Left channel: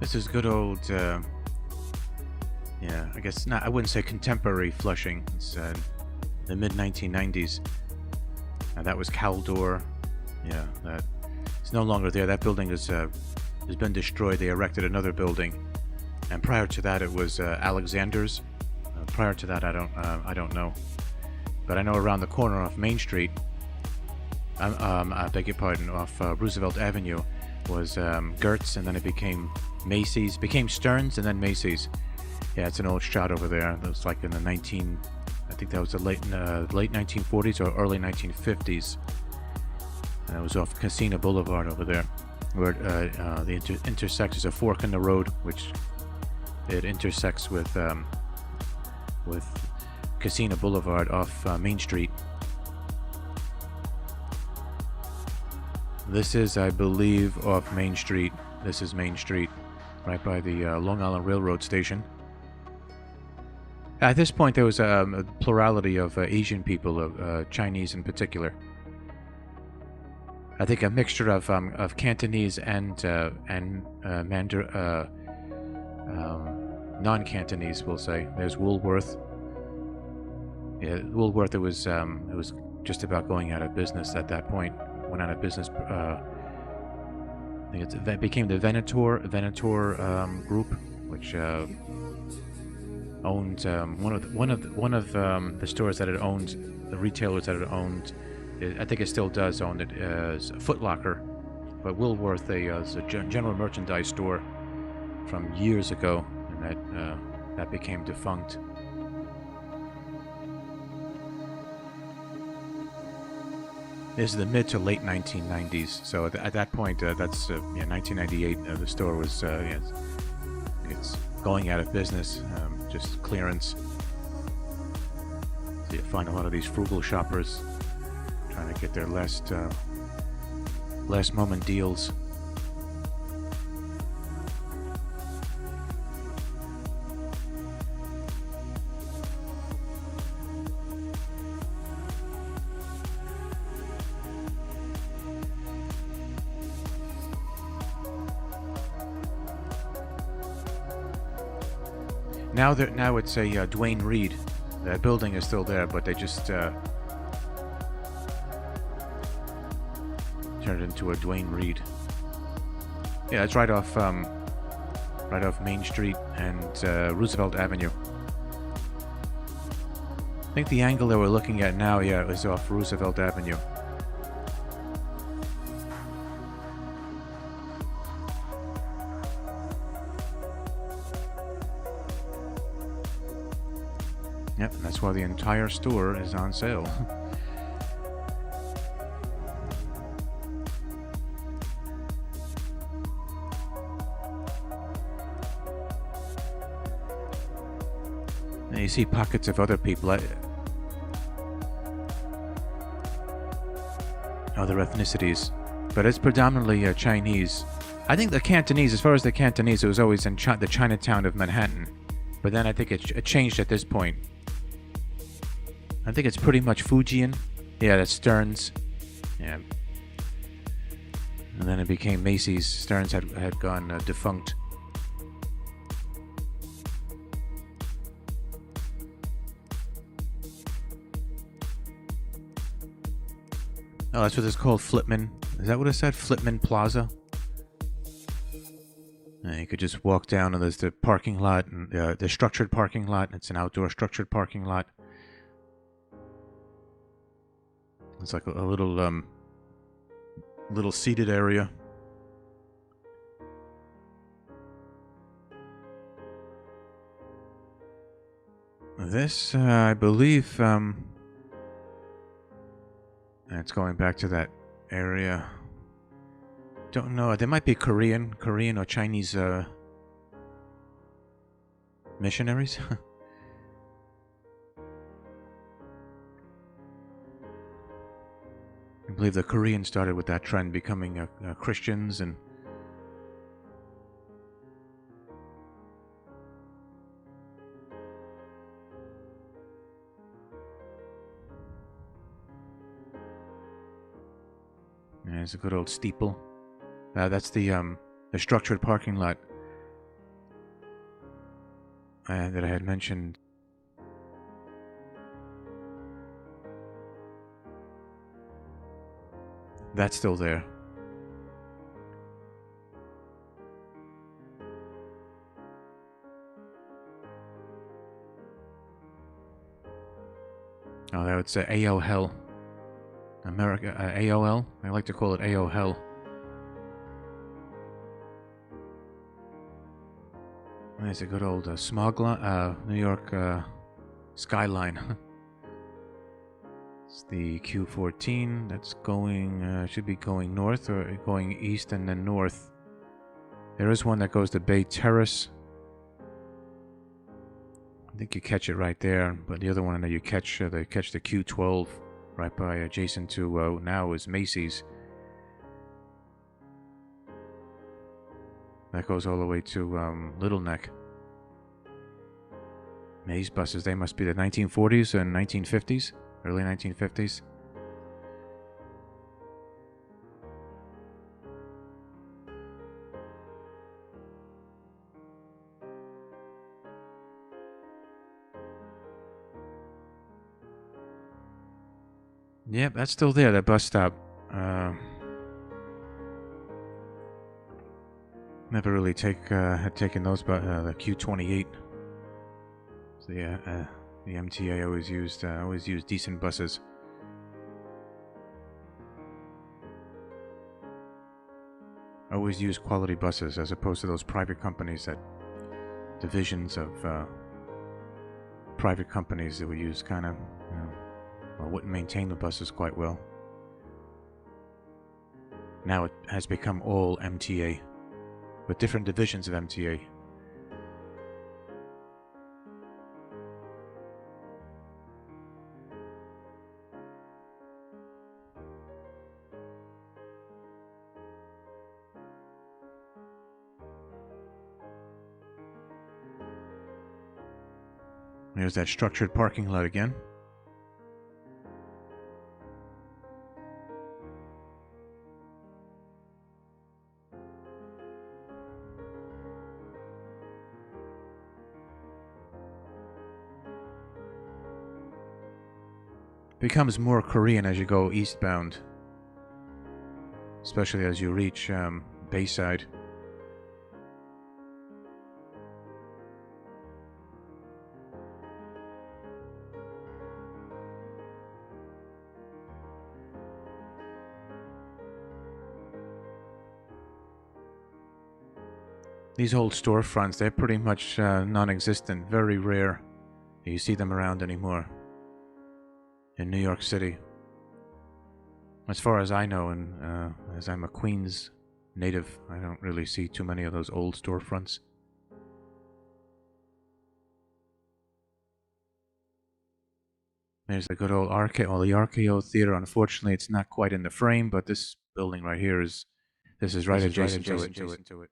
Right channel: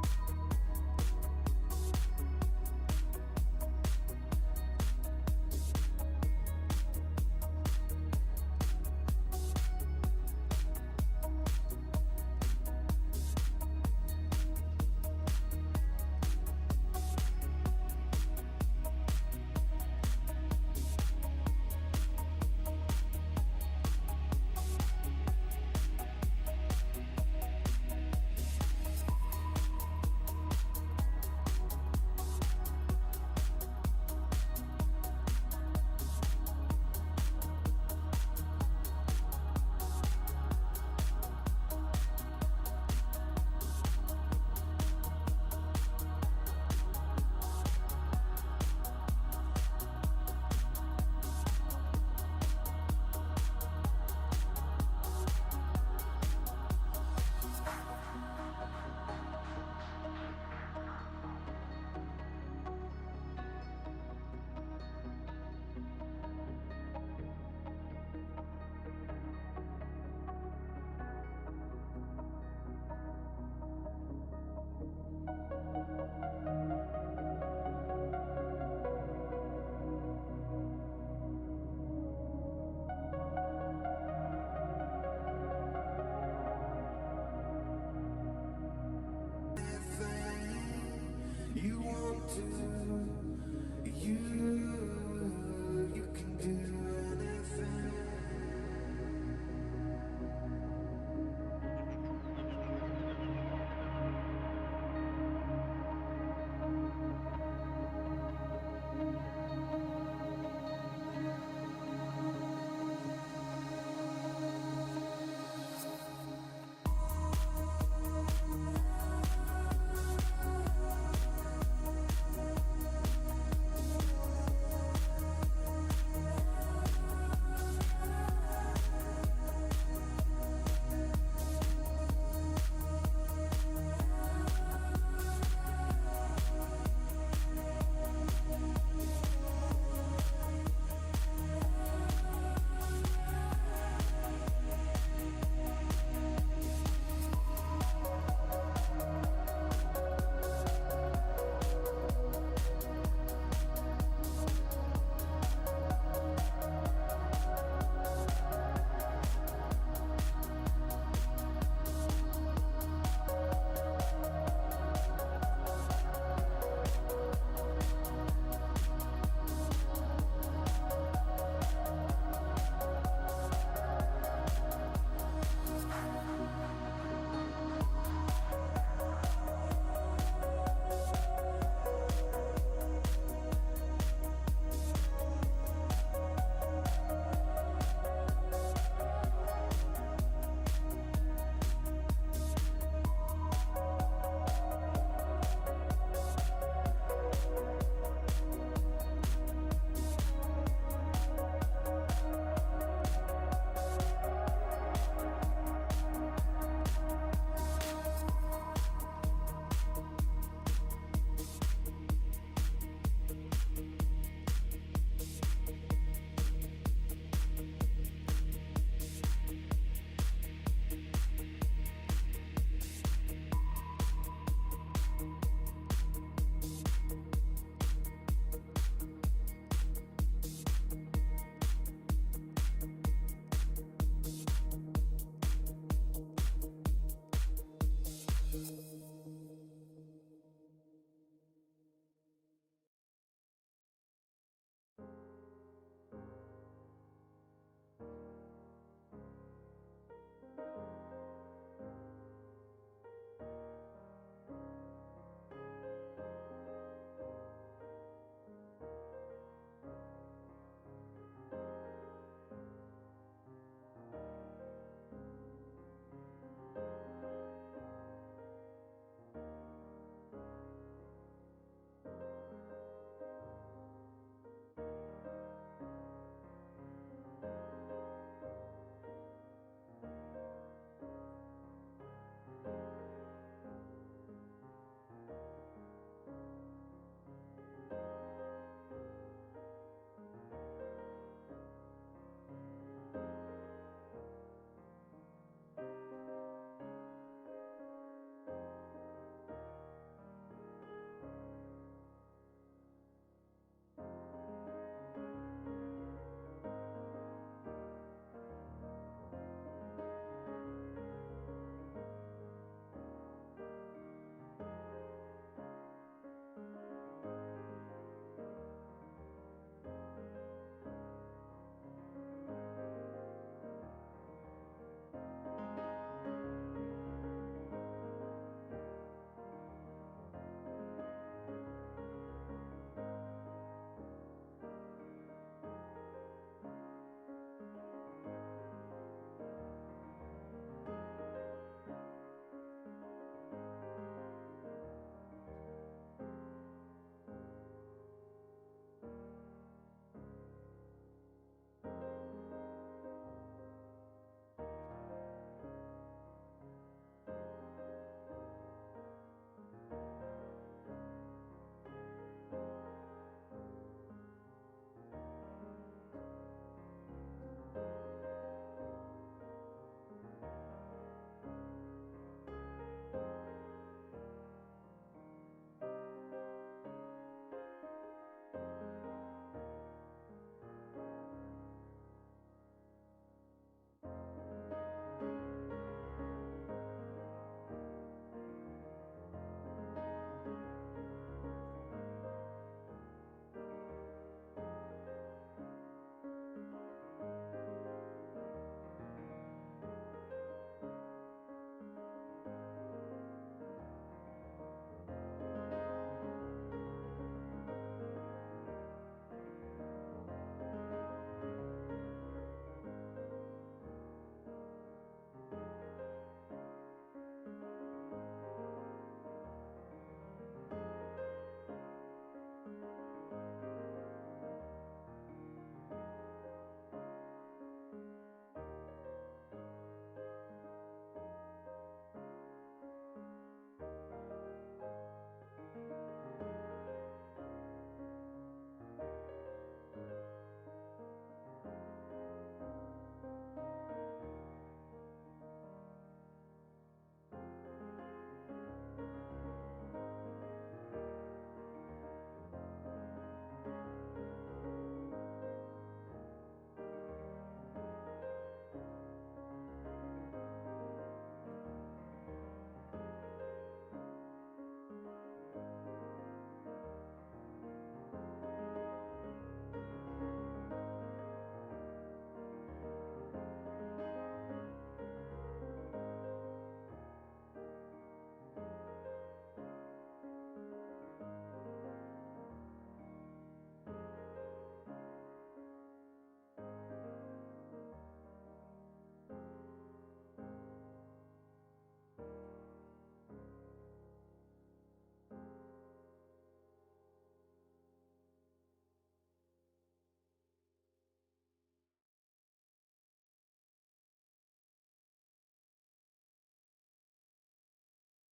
This is good old, yeah, I guess not, I wouldn't say contemporary Flushing. It's the mid 1990s. And that was Caldor. Yeah, it's no longer there. That building has been destroyed. They erected another building. And prior to that, it was Alexander's. Prior to that, I don't know. But I know around the corner off Main Street, I beg your pardon, off Roosevelt Avenue, was Gertz, and then it became Macy's, became Stearns, and then Macy's. Yeah, it's an old shot over there. That was like in the I think that was the late 1940s or early 1950s. And it was off Casino Boulevard over there, where the intersects is a fork in the road, which it intersects with Casino Boulevard off Main Street. This is, I believe, off Main Street. This is Main Street, right by the Long Island Railroad station. At this point, there was a plurality of Asian people, Chinese in particular. I think a mixture of Cantonese and non-Cantonese, we'll say. There's Woolworth. Yeah, Woolworth. It was just about going out of business at that point. Went out of business. I think it became the Venator Group, which owned one of the stores that it owned, the retailers that it owned. I think it still does own it as Foot Locker, but Woolworth is a general merchandise store from years ago, and that became defunct. This is the mid to late 1990s. So at that point, that's 1998. The store was it's going out of business, just clearance. So you find a lot of these frugal shoppers trying to get their last moment deals. Now it's a Dwayne Reed. That building is still there, but they just turned it into a Dwayne Reed. Yeah, it's right off Main Street and Roosevelt Avenue. I think the angle that we're looking at now, yeah, is off Roosevelt Avenue. Yep, that's why the entire store is on sale. And you see pockets of other people, other ethnicities, but it's predominantly Chinese. I think the Cantonese, as far as the Cantonese, it was always in the Chinatown of Manhattan, but then I think it changed at this point. I think it's pretty much Fujian. Yeah, that's Stearns. Yeah. And then it became Macy's. Stearns had gone defunct. Oh, that's what it's called, Flipman. Is that what it said? Flipman Plaza? You could just walk down and there's the parking lot, and the structured parking lot. It's an outdoor structured parking lot. It's like a little seated area. This, I believe, it's going back to that area. Don't know. There might be Korean or Chinese missionaries. I believe the Koreans started with that trend, becoming Christians, and there's a good old steeple. That's the structured parking lot. that I had mentioned. That's still there. Oh, that would say AOL. America, AOL. I like to call it AOL. There's a good old New York skyline. It's the Q14 that's going, should be going north or going east and then north. There is one that goes to Bay Terrace. I think you catch it right there, but the other one that you catch, they catch the Q12 right by adjacent to now is Macy's. That goes all the way to Little Neck. These buses, they must be the 1940s and 1950s, early 1950s. Yep, that's still there, that bus stop. Never really had taken those, but the Q28. So yeah, the MTA always used decent buses. Always used quality buses as opposed to those private companies, that divisions of private companies that would use kind of, wouldn't maintain the buses quite well. Now it has become all MTA, with different divisions of MTA. There's that structured parking lot again. Becomes more Korean as you go eastbound, especially as you reach Bayside. These old storefronts, they're pretty much non-existent, very rare that you see them around anymore in New York City. As far as I know, and as I'm a Queens native, I don't really see too many of those old storefronts. There's the good old RKO, the RKO Theater. Unfortunately, it's not quite in the frame, but this building right here is right adjacent to it.